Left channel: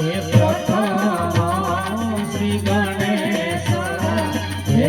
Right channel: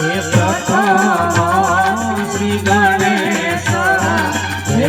હે પ્રથમ શ્રી ગણેશ. હે